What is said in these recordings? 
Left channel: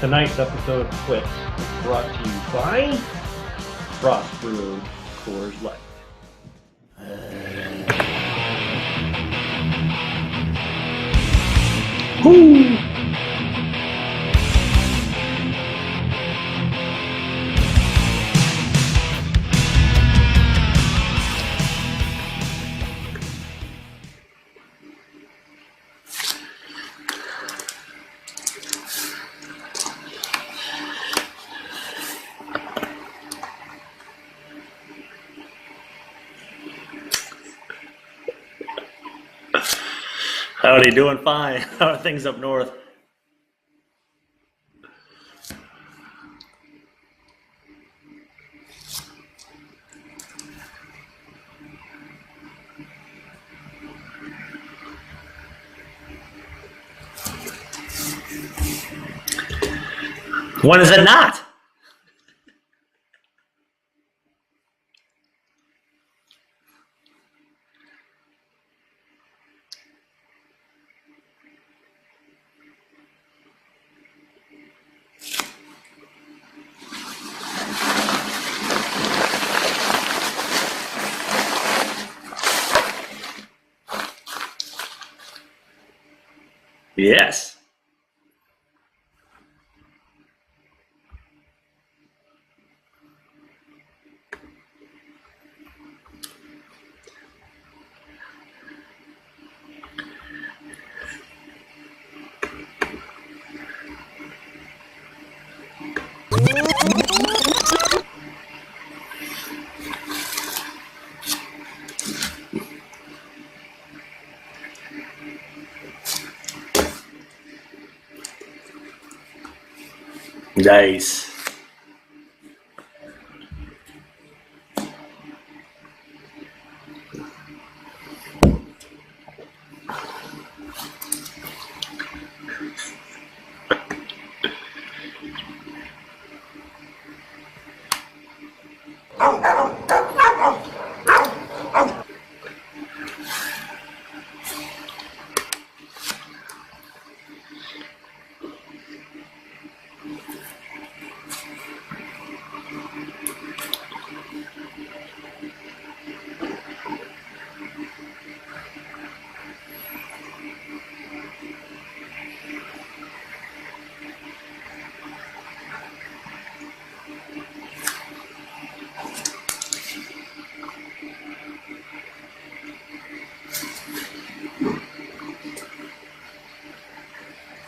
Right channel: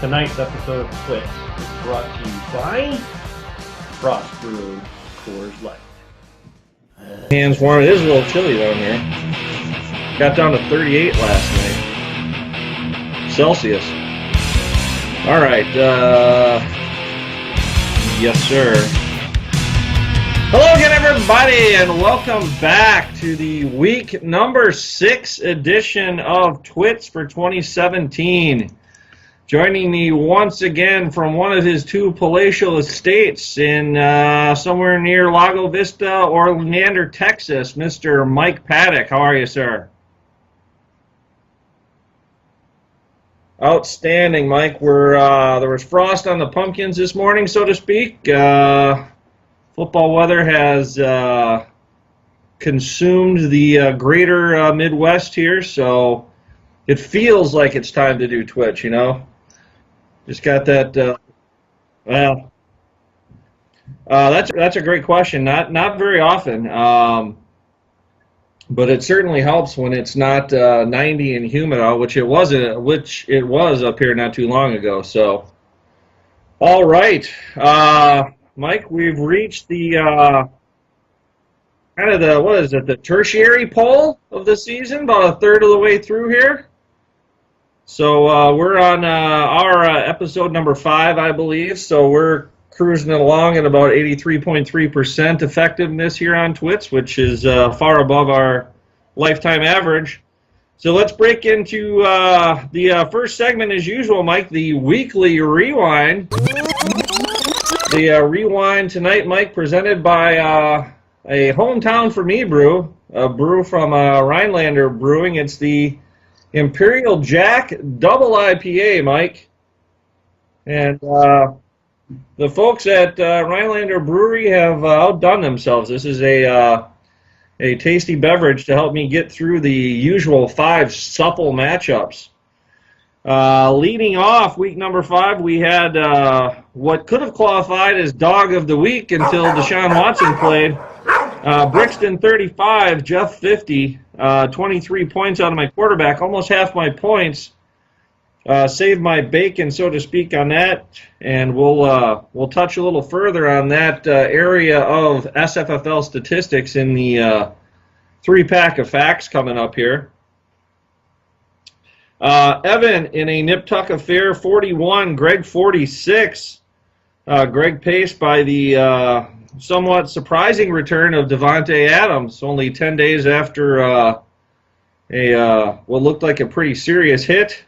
Tonight's episode of TWITS is brought to you by Frost Brew Coors Light. Hands warm. It is a little chilly down here. Got down to 38 last night. Woo! Celsius. All right. Yes, sir. Hello again, everybody, and welcome back to the week number 6 edition of TWITS for 2017. Joining me once again from one of his two palatial estates in somewhere near Lago Vista or Leander, Texas, Mr. Mike Paddock. How are you, sir? Howdy, doing fine. How are things up north? Outstanding, Mike. There was frost on the pumpkins this morning, so to speak. Football weather has consumed the greater Midwest here, so it feels like it's time to do Twitch, you know? Just got that. When is it not? Well, that's a great question. Not very often, but it certainly helps when it's not 90 and humid out, which it was up here not too long ago. So, all right, Mike, we've reached the tertiary poll of the season, about a third of the way through here. Yes. So we're on our episode number 5, I believe. So we're cruising along at about 83.3% effectiveness here on TWITS, which is far above our lifetime average. So let's break into the first segment as usual, Mike, the weekly rewind. The rewind tonight, Mike, presented by a hometown for me brew, a brew from Rhinelander Brewing. It's the Imperial Jack Double IPA, Mike. Nice. And, the folks at Rhinelander Brewery have outdone themselves. This is a tasty beverage to help me get through the usual 5 supple matchups. Leading off week number 5, we had what could have qualified as Dog of the Week until Deshaun Watson played. Brixton 35, Jeff 50. 23 points on my quarterback, almost half my points. Saved my bacon, so to speak, on that, and we'll touch a little further on that area of SFFL statistics in the 3-pack of facts coming up here. Evan in a nip-tuck affair, 41, Greg 46. Greg paced by the somewhat surprising return of Devontae Adams, only 10 days after what looked like a pretty serious hit.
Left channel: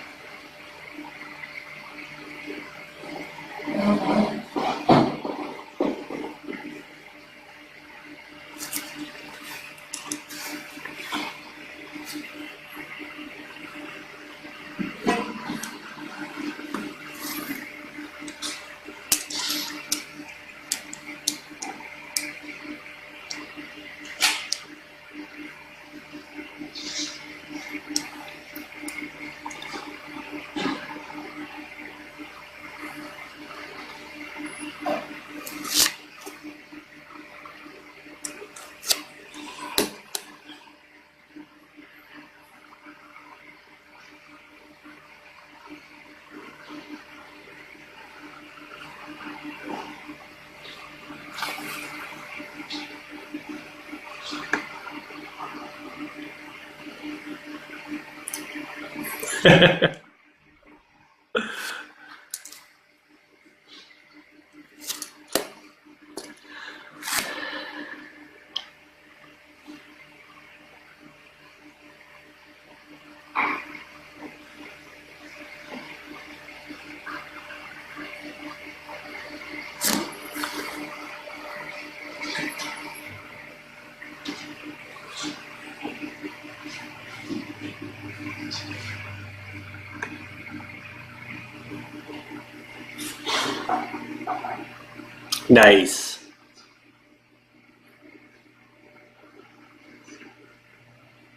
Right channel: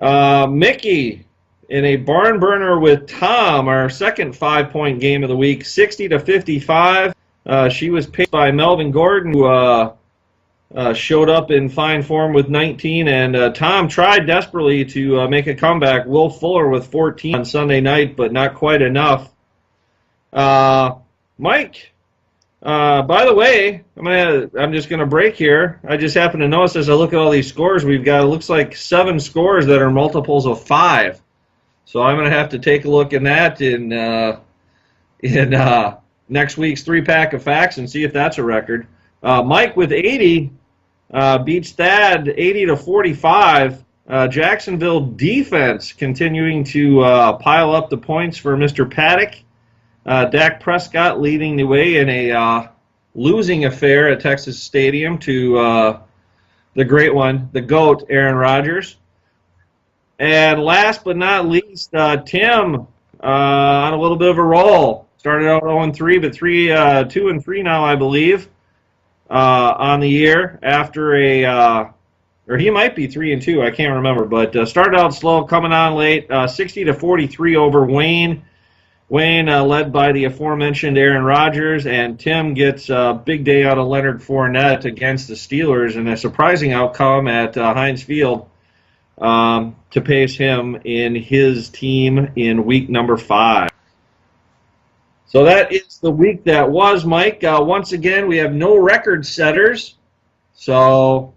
Mickey in a barn burner with Tom, our second 5-point game of the week, 60-55. She was paced by Melvin Gordon, who showed up in fine form with 19, and Tom tried desperately to make a comeback. Will Fuller with 14 on Sunday night, but not quite enough. Mike, by the way, I'm just going to break here. I just happen to notice as I look at all these scores we've got, it looks like 7 scores that are multiples of 5. So I'm going to have to take a look at that in next week's 3-pack of facts and see if that's a record. Mike with 80 beats Thad 80-45. Jacksonville defense continuing to pile up the points for Mr. Paddock. Dak Prescott leading the way in a losing affair at Texas Stadium to the great one, the GOAT, Aaron Rodgers. And last but not least, Tim on a little bit of a roll. Started out 0-3, but 2-3 now, I believe, on the year after or he might be 3-2, I can't remember, but started out slow, coming on late, 60-43 over Wayne. Wayne led by the aforementioned Aaron Rodgers, and Tim gets a big day out of Leonard Fournette against the Steelers, and a surprising outcome at Heinz Field to pace him in his team in week number 5. So that's the week that was, Mike. Once again, we have no record setters, so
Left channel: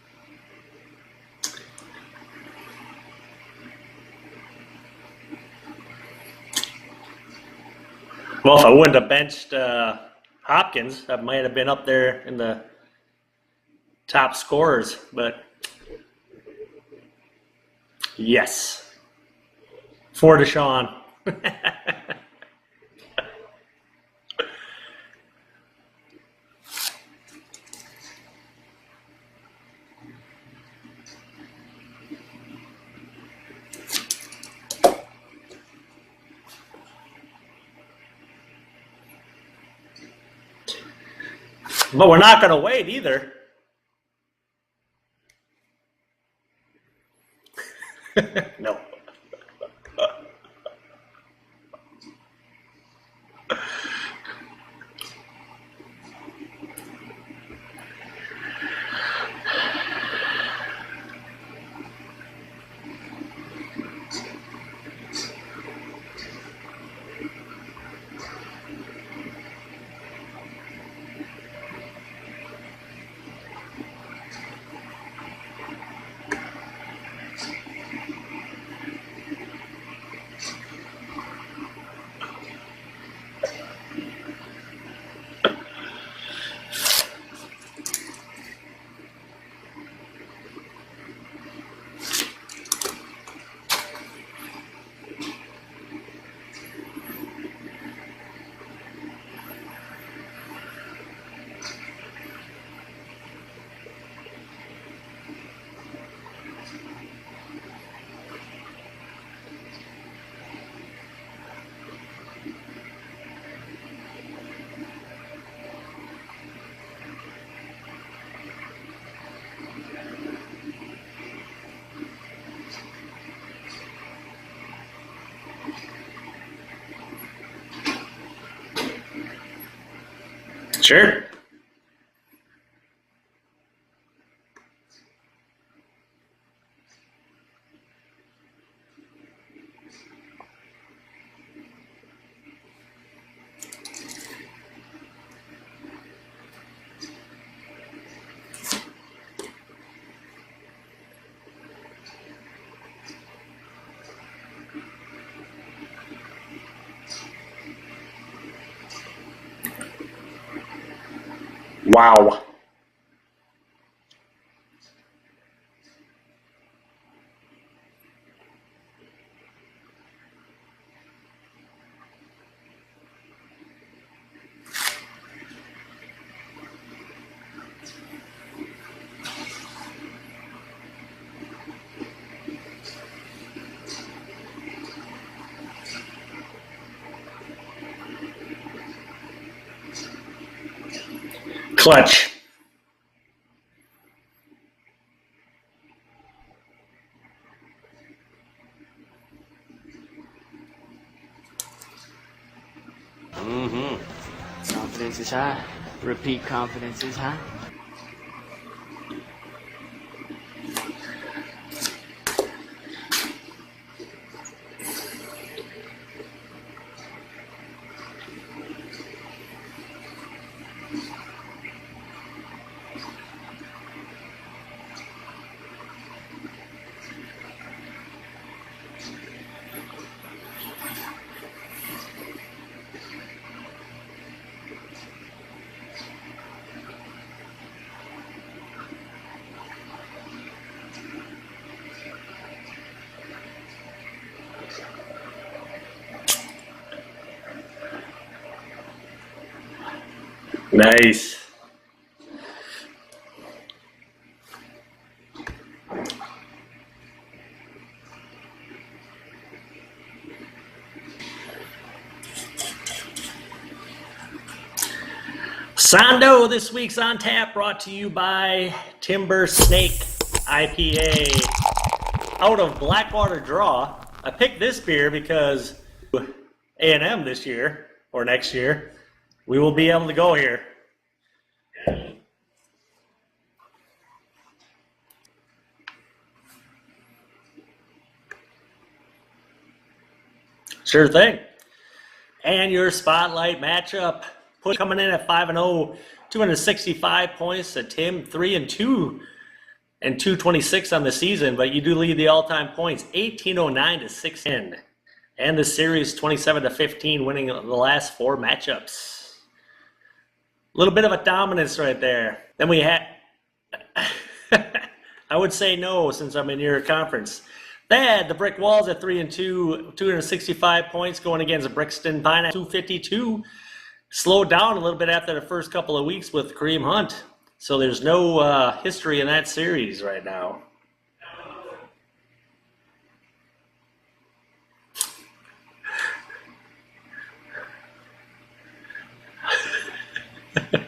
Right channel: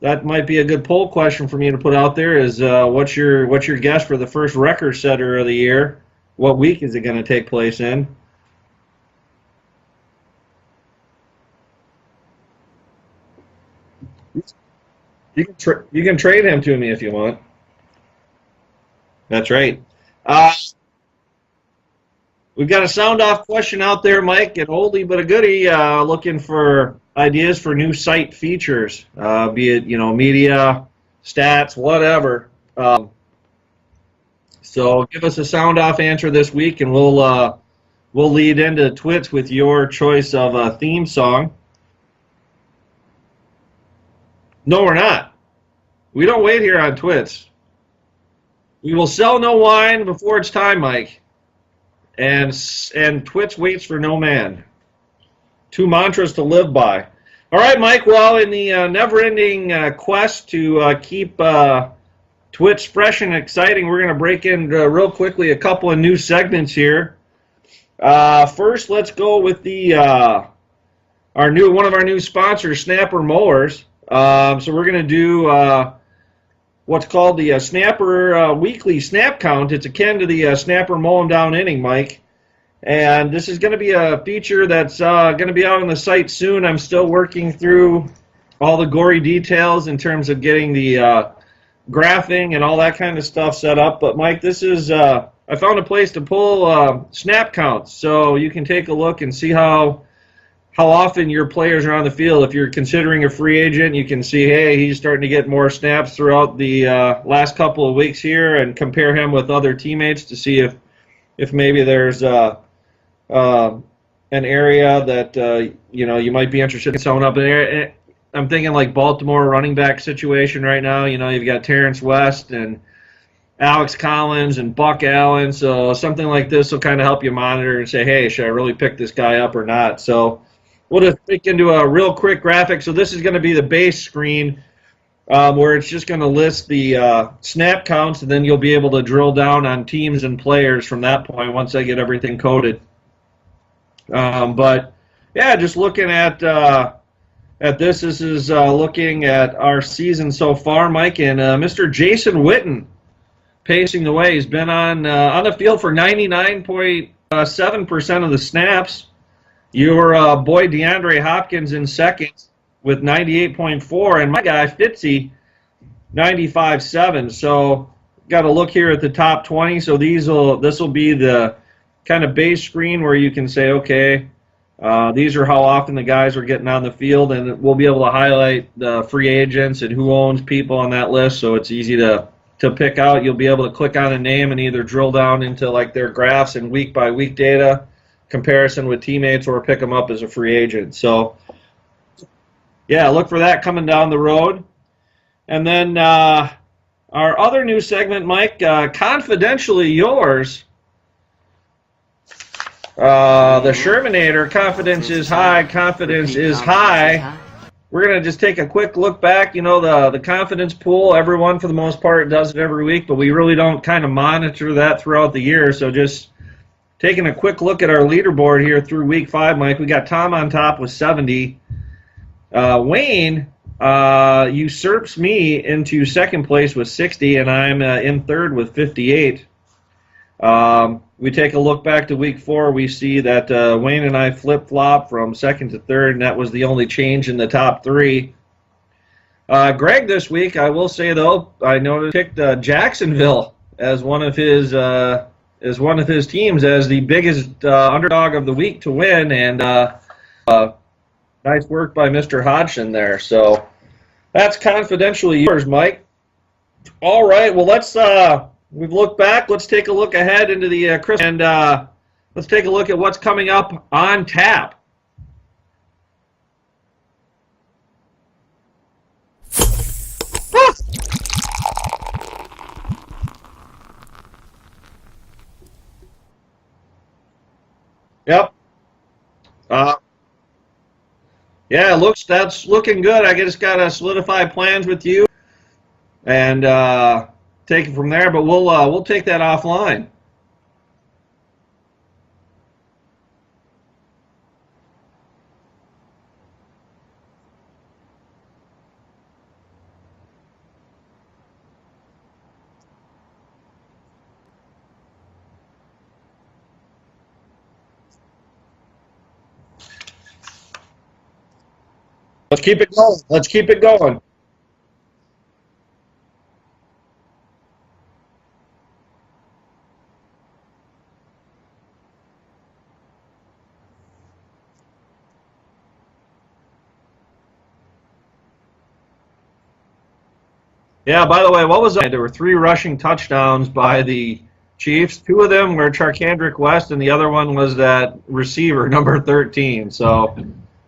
that might be a good poll question for me to put out there. Is what's your guess for the first record setter of the year? What week is it going to take place in? Well, if I wouldn't have benched Hopkins, that might have been up there in the top scorers. But you can trade him to me if you want. Yes. That's right. For Deshaun. We've got a sound-off question out there, Mike, an oldie but a goodie, looking for ideas for new site features, be it, media, stats, whatever. So give us a sound-off answer this week, and we'll lead into TWITS with your choice of a theme song. But we're not going to wait either. No, we're not. We don't wait here on TWITS. No. We will sell no wine before it's time, Mike. And TWITS waits for no man. 2 mantras to live by. All right, Mike. Well, in the never-ending quest to keep TWITS fresh and exciting, we're going to break in real quickly a couple of new segments here. First, let's go with the one of our new sponsors, Snapper Mowers. So we're going to do what's called the Snapper Weekly Snap Count. It's akin to the Snapper Mowing Down Inning, Mike. And this is going to be a feature that's going to be out on the site soon. I'm still working through all the gory details in terms of getting the graphing and all that kind of stuff set up. But, Mike, this is I found a place to pull snap counts, so you can take a look and see how often your players are on the field. If you're considering a free agent, you can see, hey, he's starting to get more snaps throughout the last couple of weeks here, and compare him with other teammates to see if maybe there's an area that you might be interested in sewing up in there. I'm thinking like Baltimore running back situation right now. You've got Terrence West and Alex Collins and Buck Allen, so something like this will kind of help you monitor and say, hey, should I really pick this guy up or not? So Sure. we'll just take into a real quick graphic. So this is going to be the base screen where it's just going to list the snap counts, and then you'll be able to drill down on teams and players from that point once I get everything coded. But, yeah, just looking at this is looking at our season so far, Mike, and Mr. Jason Witten pacing the way. He's been on the field for 99.7% of the snaps. Your boy DeAndre Hopkins in second with 98.4, and my guy Fitzy 95.7. So got to look here at the top 20. So this will be the kind of base screen where you can say, okay, these are how often the guys are getting on the field, and we'll be able to highlight the free agents and who owns people on that list, so it's easy to pick out. You'll be able to click on a name and either drill down into like their graphs and week-by-week data, comparison with teammates, or pick them up as a free agent. So, Clutch. yeah, look for that coming down the road. And then our other new segment, Mike, Confidentially Yours. The Shermanator, confidence is high, confidence is high. We're going to just take a quick look back. The confidence pool, everyone for the most part does it every week, but we really don't kind of monitor that throughout the year. So just taking a quick look at our leaderboard here through week 5, Mike, we got Tom on top with 70. Wayne usurps me into second place with 60, and I'm in third with 58. We take a look back to week 4, we see that Wayne and I flip-flop from second to third, and that was the only change in the top 3. Greg this week, I will say though, I noticed picked Jacksonville as one of his teams as the biggest underdog of the week to win, and Nice work by Mr. Hodgson there. So that's Confidentially Yours, Mike. All right, well we've looked back. Let's take a look ahead into the Christmas, and let's take a look at what's coming up on tap. Sondo this week's on tap, brought to you by Timber Snake IPA out of Blackwater Draw. I picked this beer because A&M this year or next year, we will be able to go here. Yeah, that's looking good. I just got to solidify plans with you and take it from there, but we'll take that offline. Sure thing. And your spotlight matchup, coming in at 5-0, 265 points to Tim, 3-2, and 226 on the season. But you do lead the all-time points, 1809 to 610, and the series 27-15, winning the last 4 matchups. A little bit of a dominance right there. Let's keep it going. I would say no, since I'm in your conference. Thad, the Brick Walls at 3-2, 265 points going against Brixton Pine at 252. Slowed down a little bit after the first couple of weeks with Kareem Hunt. So there's no history in that series right now. Yeah, by the way, what was that? There were 3 rushing touchdowns by the Chiefs. 2 of them were Charkandrick West, and the other one was that receiver, number 13. So,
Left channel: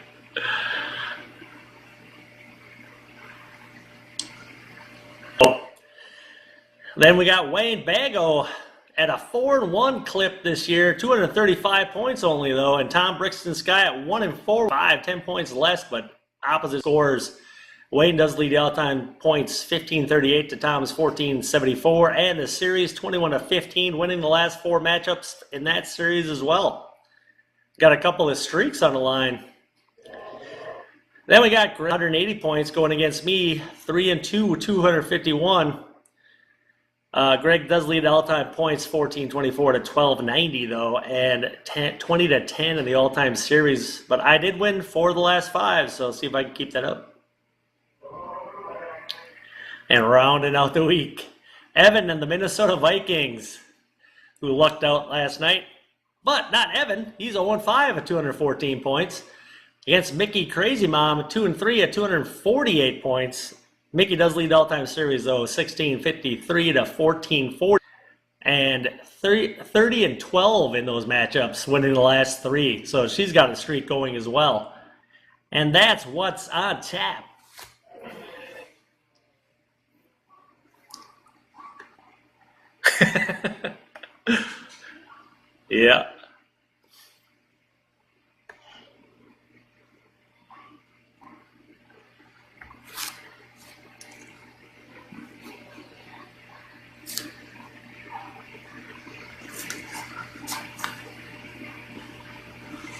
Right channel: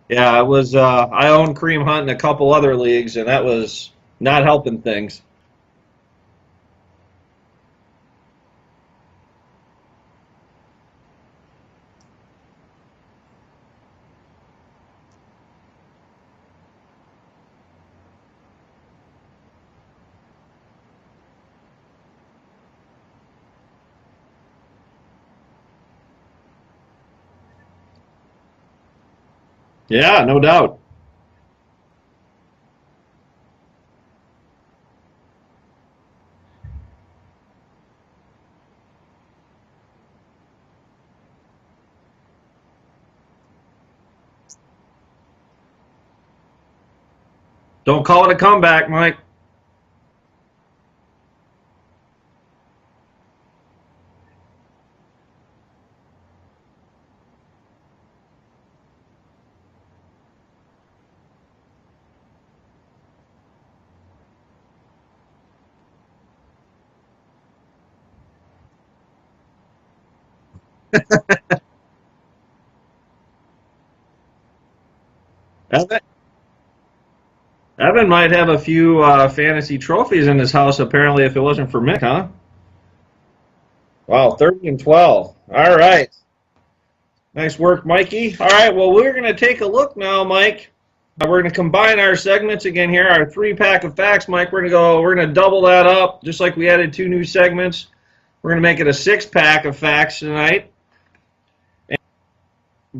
yeah, it was. I own Kareem Hunt in a couple other leagues, and that was not helping things. Then we got Wayne Bago at a 4-1 clip this year, 235 points only though, and Tom Brixton Sky at 1-4, 10 points less, but opposite scores. Wayne does lead the all-time points, 1538 to Tom's 1474, and the series 21-15, winning the last 4 matchups in that series as well. Got a couple of streaks on the line. Yeah, no doubt. Then we got 180 points going against me, 3-2, 251. Greg does lead all-time points, 1424 to 1290 though, and 20 to 10 in the all-time series. But I did win 4 of the last 5, so see if I can keep that up. Don't call it a comeback, Mike. And rounding out the week, Evan and the Minnesota Vikings, who lucked out last night. But not Evan. He's 0-5 at 214 points. Against Mickey Crazy Mom, 2-3 at 248 points. Mickey does lead the all-time series, though, 1653 to 1440. And 30-12 in those matchups, winning the last 3. So she's got a streak going as well. And that's what's on tap. Evan might have a few fantasy trophies in his house, apparently, if it wasn't for Mick, huh? Wow, 13-12. All right. Nice work, Mikey. All right, well, we're going to take a look now, Mike. We're going to combine our segments again here, our 3-pack of facts, Mike. We're going to double that up, just like we added 2 new segments. We're going to make it a 6-pack of facts tonight. And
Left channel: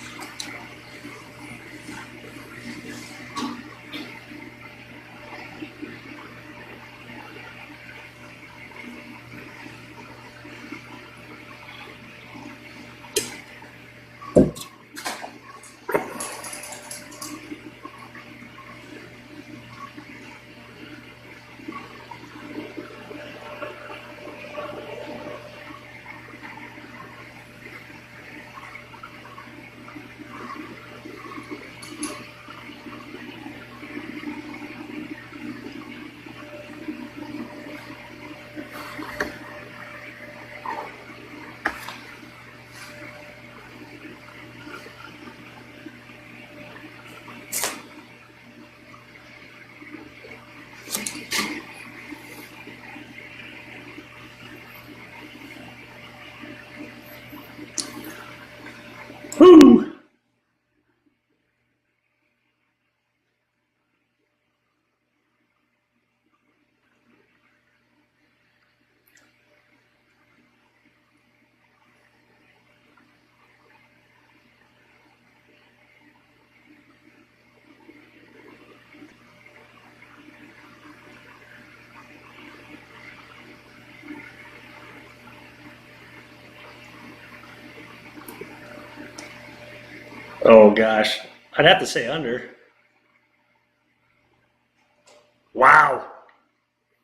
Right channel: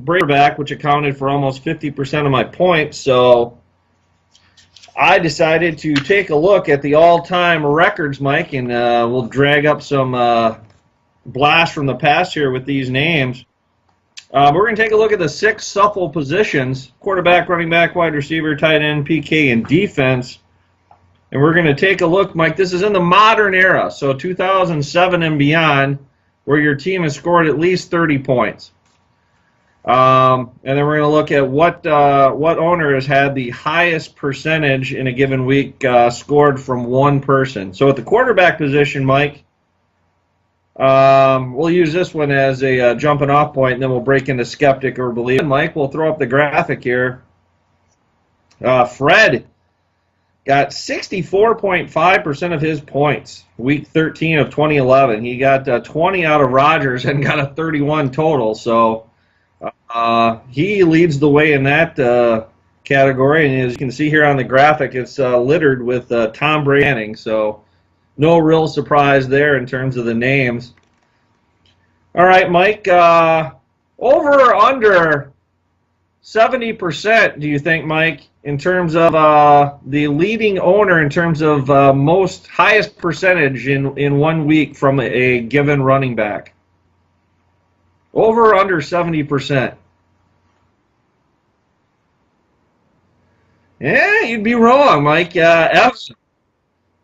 Breakback, which accounted for almost 50% of my points, so I decided to take a look at the all-time records, Mike, and we'll drag up some blasts from the past here with these names. We're going to take a look at the 6 supple positions: quarterback, running back, wide receiver, tight end, PK, and defense. And we're going to take a look, Mike, this is in the modern era, so 2007 and beyond, where your team has scored at least 30 points. And then we're going to look at what owner has had the highest percentage in a given week scored from one person. So at the quarterback position, Mike, we'll use this one as a jumping off point, and then we'll break into skeptic or believe. Mike, we'll throw up the graphic here. Fred got 64.5% of his points, week 13 of 2011. He got 20 out of Rodgers and got a 31 total. So he leads the way in that category. And as you can see here on the graphic, it's littered with Tom Brady. So no real surprise there in terms of the names. All right, Mike, over or under 70%, do you think, Mike, in terms of the leading owner in terms of most highest percentage in 1 week from a given running back? Over or under 70%? Oh, gosh. I'd have to say under. Yeah, you'd be wrong, Mike. Wow.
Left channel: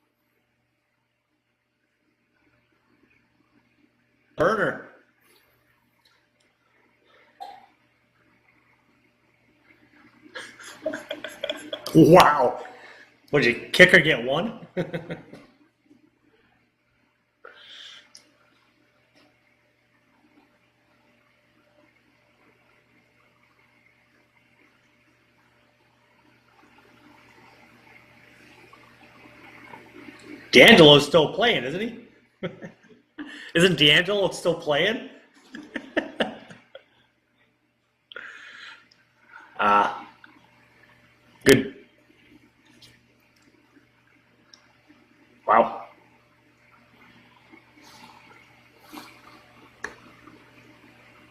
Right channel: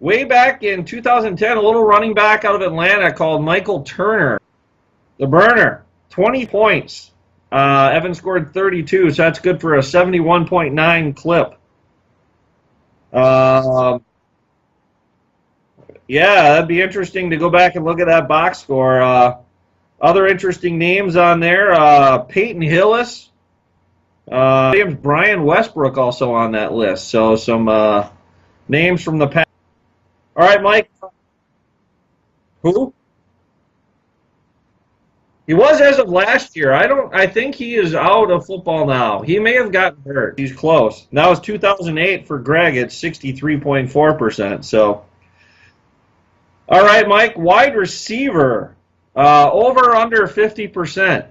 Way back in 2010, a little running back out of Atlanta called Michael Turner. The burner. 20 points. Evan scored 32, so that's good for a 71.9 clip. Wow. Would your kicker get 1? Yeah, that'd be interesting to go back and look at that box score. Other interesting names on there, Peyton Hillis. Brian Westbrook also on that list. So some names from the past. All right, D'Angelo's still playing, isn't he? Who? Isn't D'Angelo still playing? He was as of last year. I think he is out of football now. He may have gotten hurt. He's close. That was 2008 for Greg at 63.4%. So. Wow. All right, Mike. Wide receiver. Over or under 50%?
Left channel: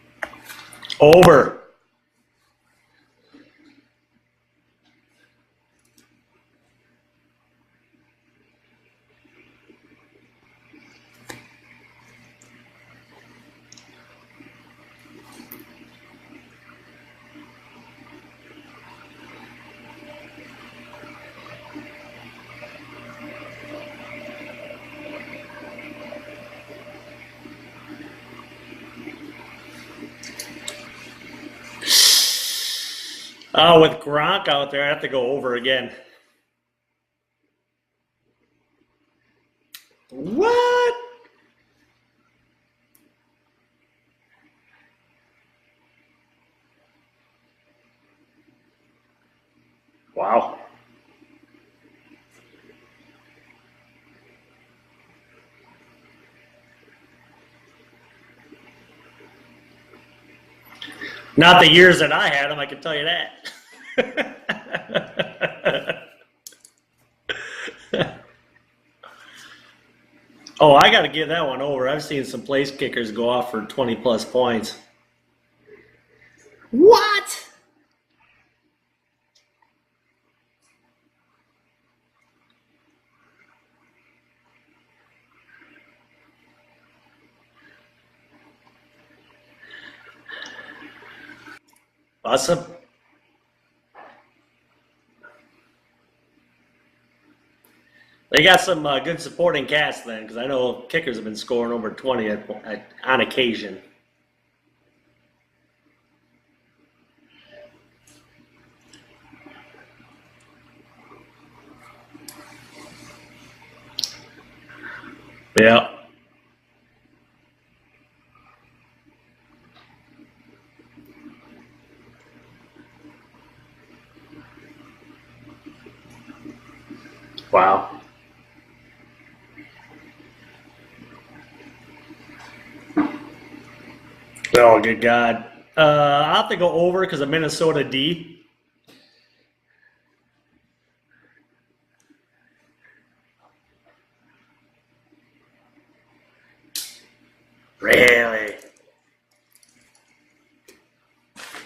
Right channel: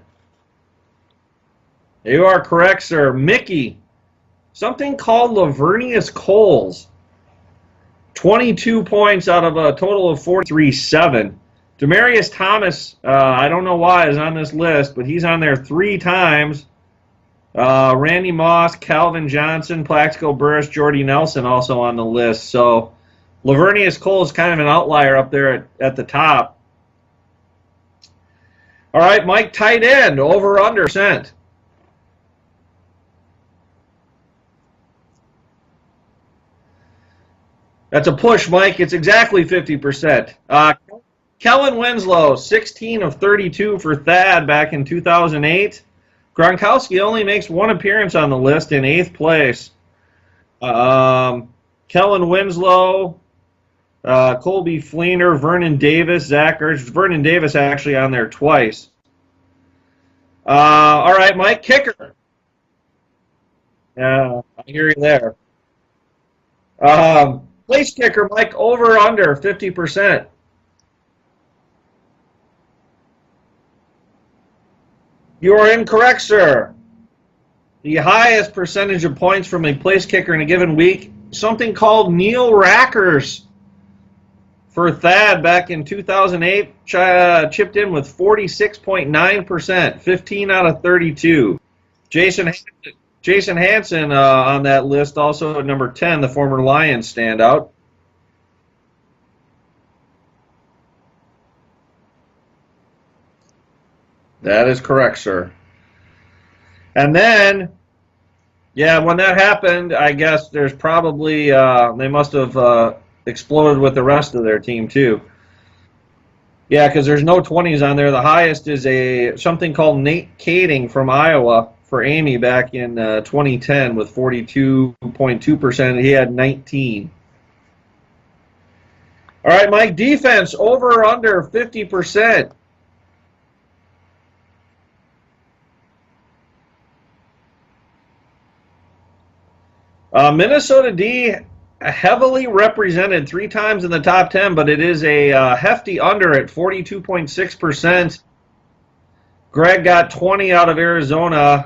Over. You are correct, sir. Mickey. Something called Lavernius Coles. 22 points out of a total of 43.7. Demaryius Thomas, I don't know why, is on this list, but he's on there 3 times. Randy Moss, Calvin Johnson, Plaxico Burress, Jordy Nelson also on the list. So Lavernius Cole is kind of an outlier up there at the top. All right, Mike, tight end, over under cent. With Gronk out there, I have to go over again. That's a push, Mike. It's exactly 50%. What? Kellen Winslow, 16 of 32 for Thad back in 2008. Gronkowski only makes one appearance on the list in 8th place. Wow. Kellen Winslow, Colby Fleener, Vernon Davis, Zach Ertz. Vernon Davis actually on there twice. All right, Not Mike. the years that I had him, I can tell you that. I hear you there. Place kicker, Mike, over under 50%. Oh, I got to give that one over. I've seen some place kickers go off for 20-plus points. You are incorrect, sir. What? The highest percentage of points from a place kicker in a given week, something called Neil Rackers for Thad back in 2008, chipped in with 46.9%, 15 out of 32. Jason Hansen on that list, also at number 10, the former Lions standout. They got some good supporting cast then, because I know kickers have been scoring over 20 on occasion. That is correct, sir. And then, yeah, when that happened, I guess there's probably, they must have exploded with the rest of their team, too. Yeah. Yeah, because there's no 20s on there. The highest is something called Nate Kading from Iowa for Amy back in 2010 with 42.2%. He had 19. Wow. All right, Mike, defense over or under 50%. Oh, good God. I'll have to go over because of Minnesota D. Minnesota D heavily represented 3 times in the top 10, but it is a hefty under at 42.6%. Really? Greg got 20 out of Arizona,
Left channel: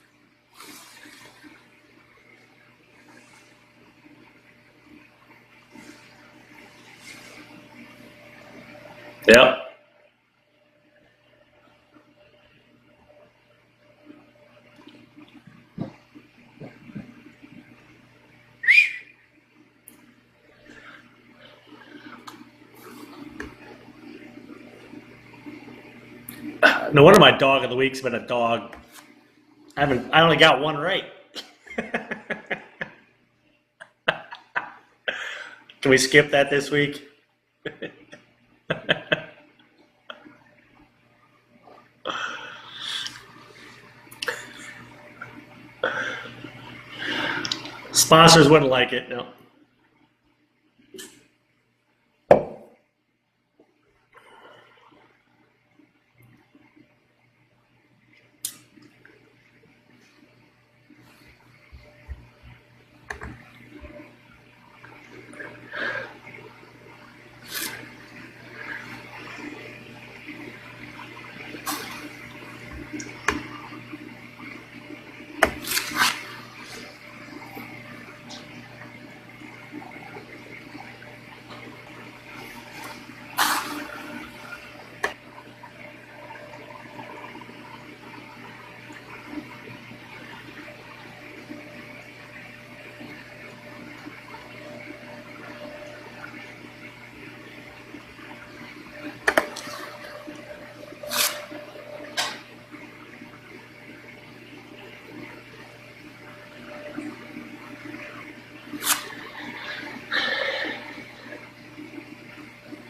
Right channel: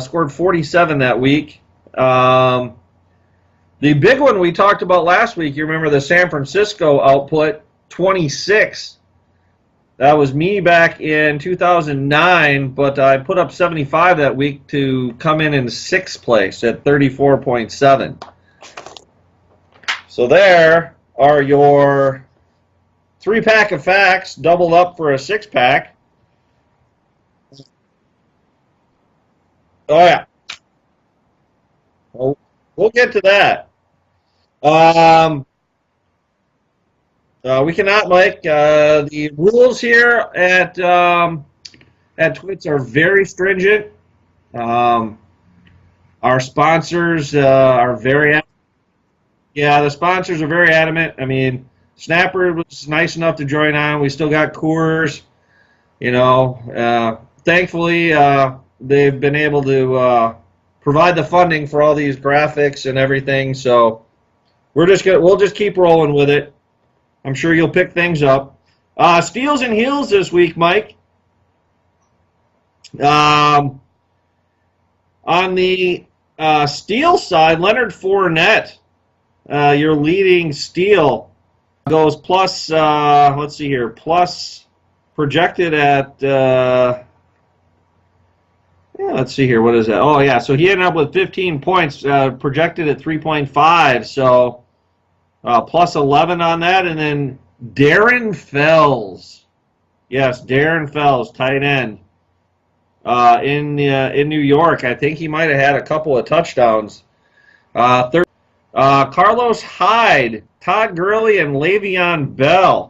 scored 47 that week. The big one we talked about last week, you remember the San Francisco output, 26. Yep. That was me back in 2009, but I put up 75 that week to come in 6th place at 34.7. So there are your 3-pack of facts, doubled up for a 6-pack. No wonder my dog of the week's been a dog. I only got one right. Well, we'll get to that. Can we skip that this week? We cannot, Mike. The rules here at TWITS are very stringent. Our sponsors are Sponsors wouldn't like it. No. Yeah, the sponsors are very adamant. I mean, Snapper was nice enough to join on. We still got Coors. You know, thankfully they've been able to provide the funding for all these graphics and everything. So we'll just keep rolling with it. I'm sure you'll pick things up. Steals and heels this week, Mike. On the steal side, Leonard Fournette, your leading steal, goes plus, let's see here, plus projected at, let's see here, what is that? Oh, yeah, so he ended up with 15 points, projected at 3.5, so plus 11 on that, and then Darren Fells. Yes, Darren Fells, tight end. In New York, I think he might have had a couple of touchdowns. Carlos Hyde, Todd Gurley, and Le'Veon Bell.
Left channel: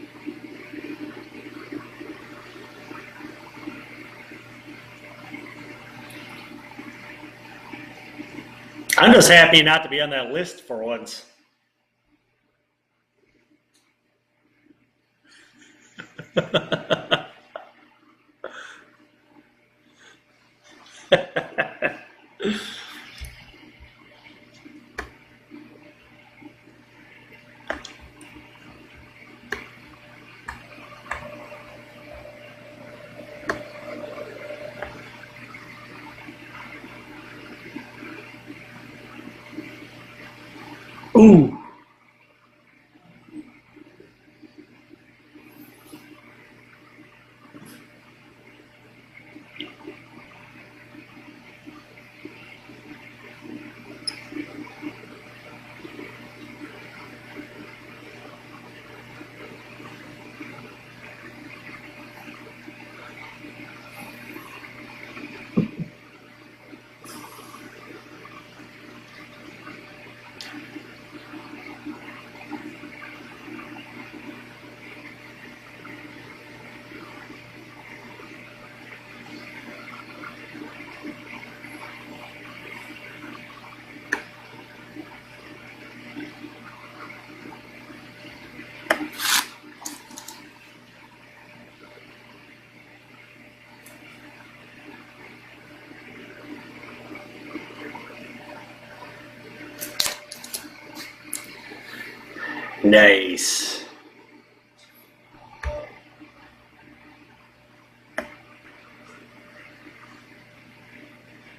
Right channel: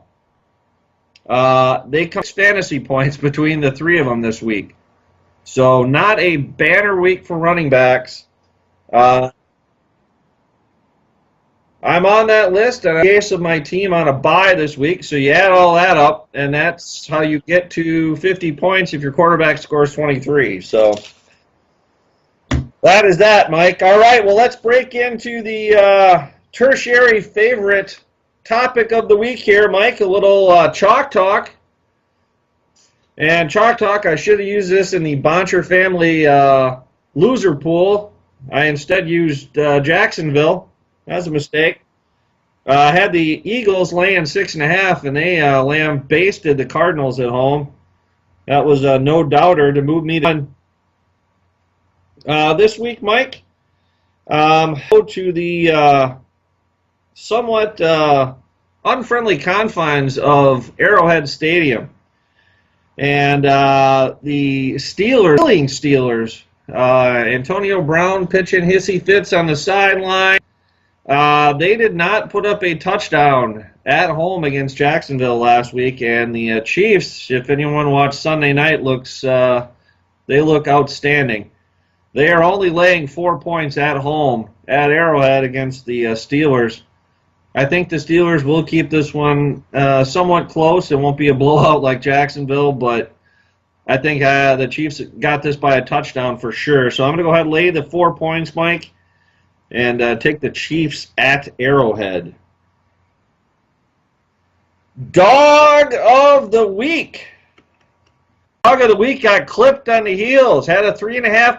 They come fantasy points between the 3 of them this week. So not a banner week for running backs. I'm just happy not to be on that list for once. I'm on that list, and I'm in case of my team on a bye this week, so you add all that up, and that's how you get to 50 points if your quarterback scores 23. So that is that, Mike. All right, well, let's break into the tertiary favorite topic of the week here, Mike, a little chalk talk. And chalk talk, I should have used this in the Boncher family loser pool. I instead used Jacksonville. That's a mistake. Had the Eagles laying 6.5, and they lambasted the Cardinals at home. That was a no-doubter to move me on. This week, Mike, go to the somewhat unfriendly confines of Arrowhead Stadium. And the Steelers, Antonio Brown pitching hissy fits on the sideline. They did not put up a touchdown at home against Jacksonville last week, and the Chiefs, if anyone watched Sunday night, they look outstanding. They are only laying 4 points at home at Arrowhead against the Steelers. I think the Steelers will keep this one somewhat close. It won't be a blowout like Jacksonville, but I think the Chiefs got this by a touchdown for sure. So I'm going to go ahead and lay the 4 points, Mike, and take the Chiefs at Arrowhead. Nice. Dog of the week. Dog of the week got clipped on the heels. Had a 3.5,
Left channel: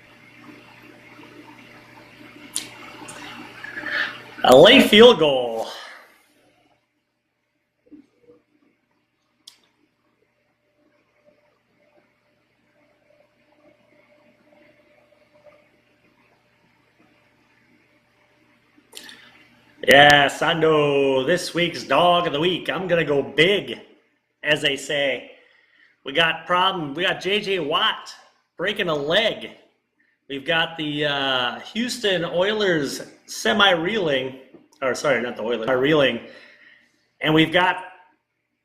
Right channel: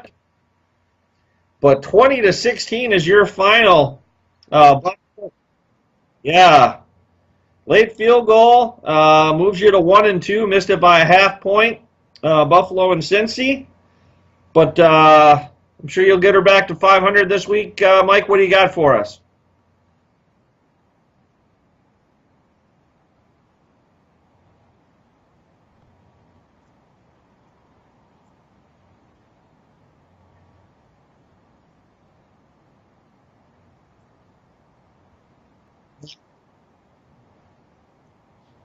but 20-16 is your final. A late field goal. Yeah. Late field goal moves you to 1-2. Missed it by a half point. Buffalo and Cincy. But I'm sure you'll get her back to 500 this week. Mike, what do you got for us? Yeah, Sondo, this week's dog of the week. I'm going to go big, as they say. We got J.J. Watt breaking a leg. We've got the Houston Oilers reeling. And we've got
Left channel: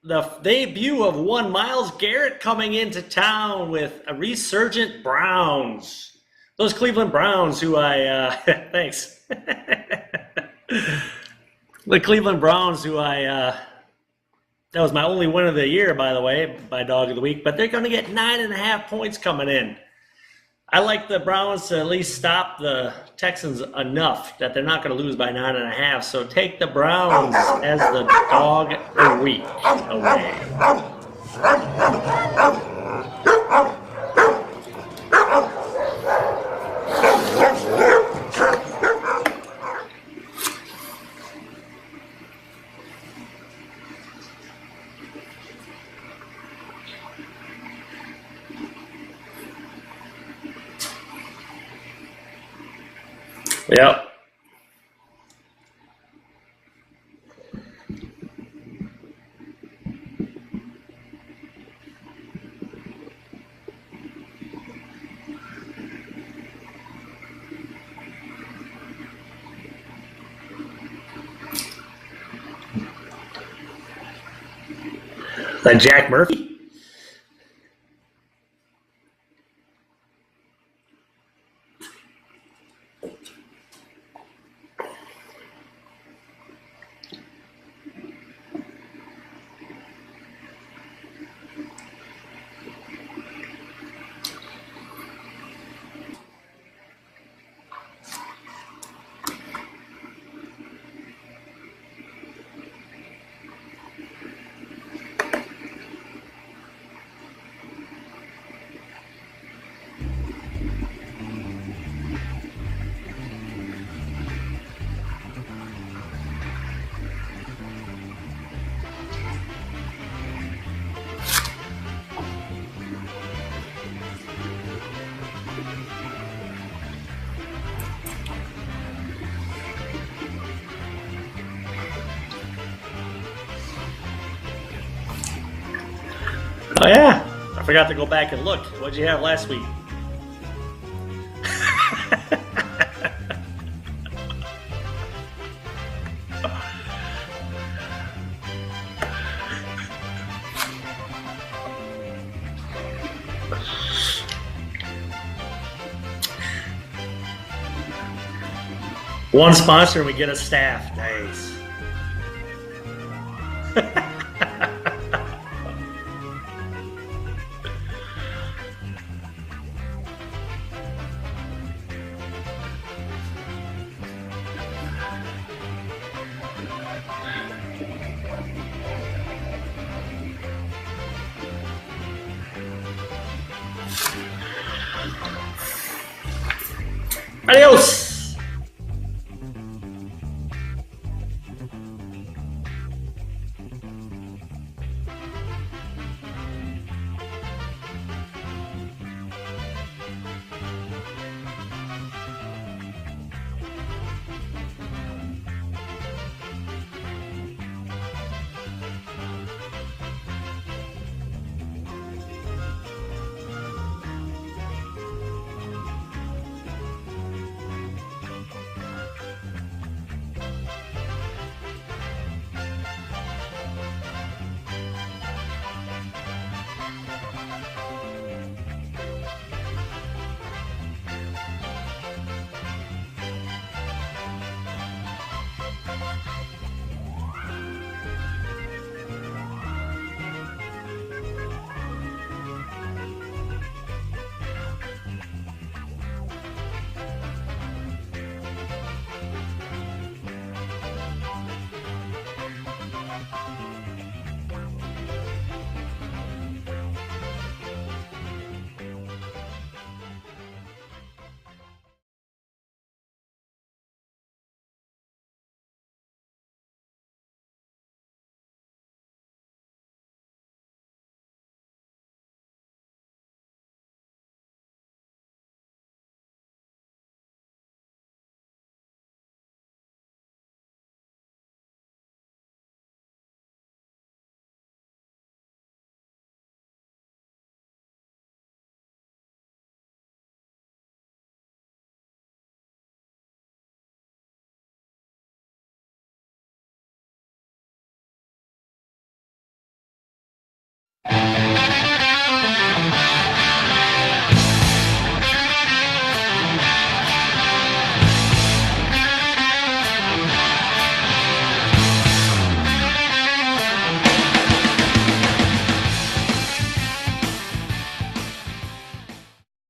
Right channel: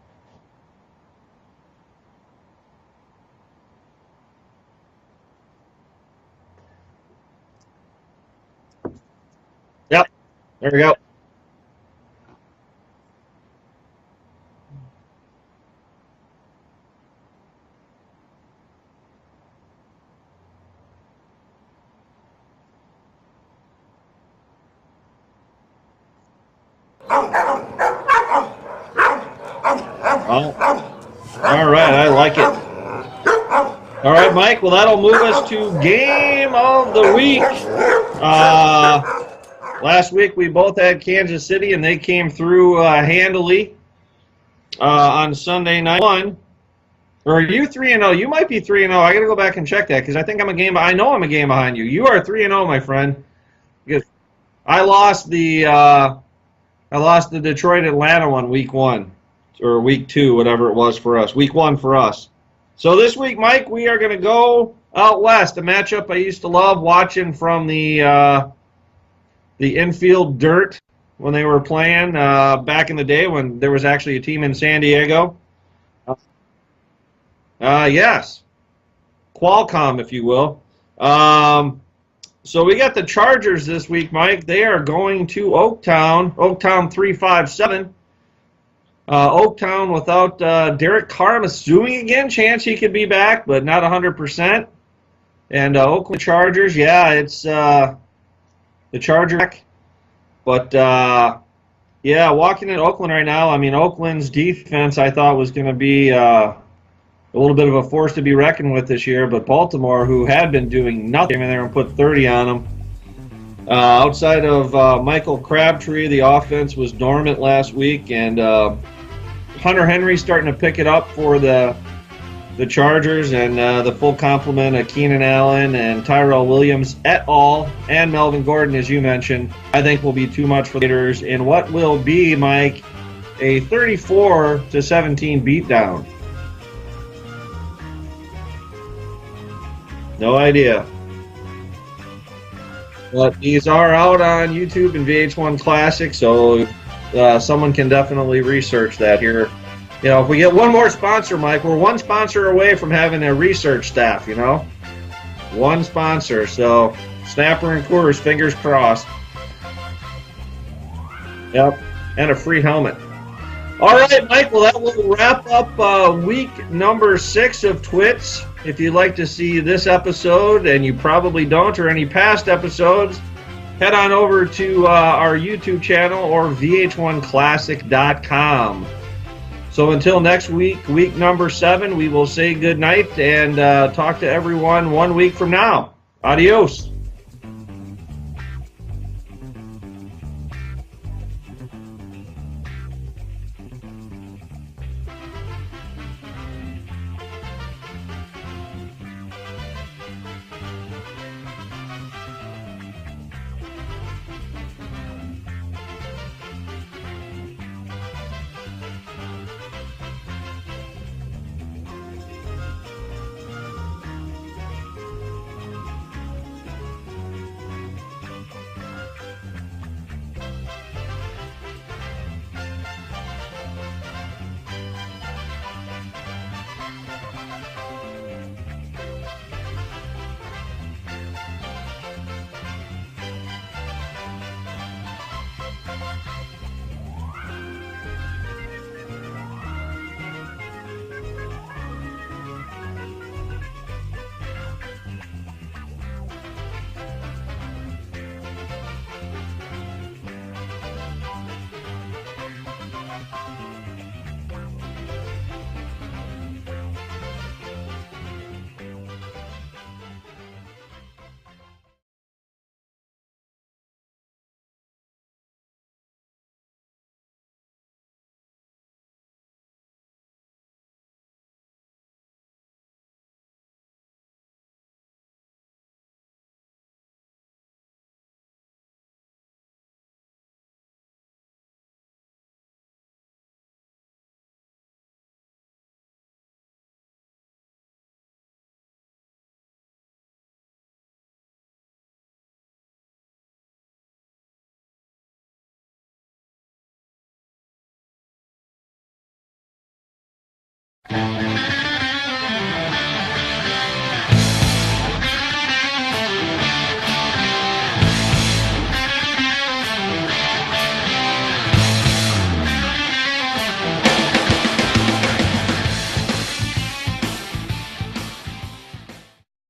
the debut of one Myles Garrett coming into town with a resurgent Browns. Those Cleveland Browns who thanks. Yep, there we go. The Cleveland Browns who that was my only win of the year, by the way, by dog of the week, but they're going to get 9.5 points coming in. I like the Browns to at least stop the Texans enough that they're not going to lose by 9.5. So take the Browns as the dog of the week. Okay. All right, I like it. All right, Mike. Well, that'll move us to game of the week. Last week we both had Kansas City, and they came through handily on Sunday night. Or are you 3-0? You might be 3-0. I got to go back and check that because I think I'm a game. I know I'm a game behind you. You are 3-0, my friend. Yeah. I lost the Detroit Atlanta one week 1 or week 2, whatever it was for us. Week 1 for us. So this week, Mike, we are going to go out west. A matchup I used to love watching from the infield dirt when they were playing back in the day when there was actually a team in San Diego. Then Jack Murphy. Yes. Qualcomm, if you will. So we got the Chargers this week, Mike. They are going to Oaktown 357. Oaktown without Derek Carr, I'm assuming again, chance he could be back, but not 100%. And Oakland Chargers, yeah, it's the Chargers. But, yeah, walking in Oakland right now, I mean, Oakland's defense I thought was going to be a little bit of a force to be reckoned with this year, but Baltimore, who had been doing nothing, and they were put 30 on them. Outside of Michael Crabtree, the offense was dormant last week, and Hunter Henry starting to pick it up for the Chargers, and the full complement of Keenan Allen and Tyrell Williams et al., and Melvin Gordon, as you mentioned, I think will be too much for the Raiders in what will be, Mike, a 34-17 beatdown. Oh, yeah. I forgot to go back and look. What did you have last week? No idea. But these are out on YouTube and VH1 Classic, so someone can definitely research that here. You know, if we get one more sponsor, Mike, we're one sponsor away from having a research staff, you know? One sponsor, so Snapper and Coors, fingers crossed. One sponsor and we get a staff. Nice. Yep, and a free helmet. All right, Mike, well, that will wrap up week number 6 of TWITS. If you'd like to see this episode, and you probably don't, or any past episodes, head on over to our YouTube channel or vh1classic.com. So until next week, week number 7, we will say good night and talk to everyone 1 week from now. Adios. Adios.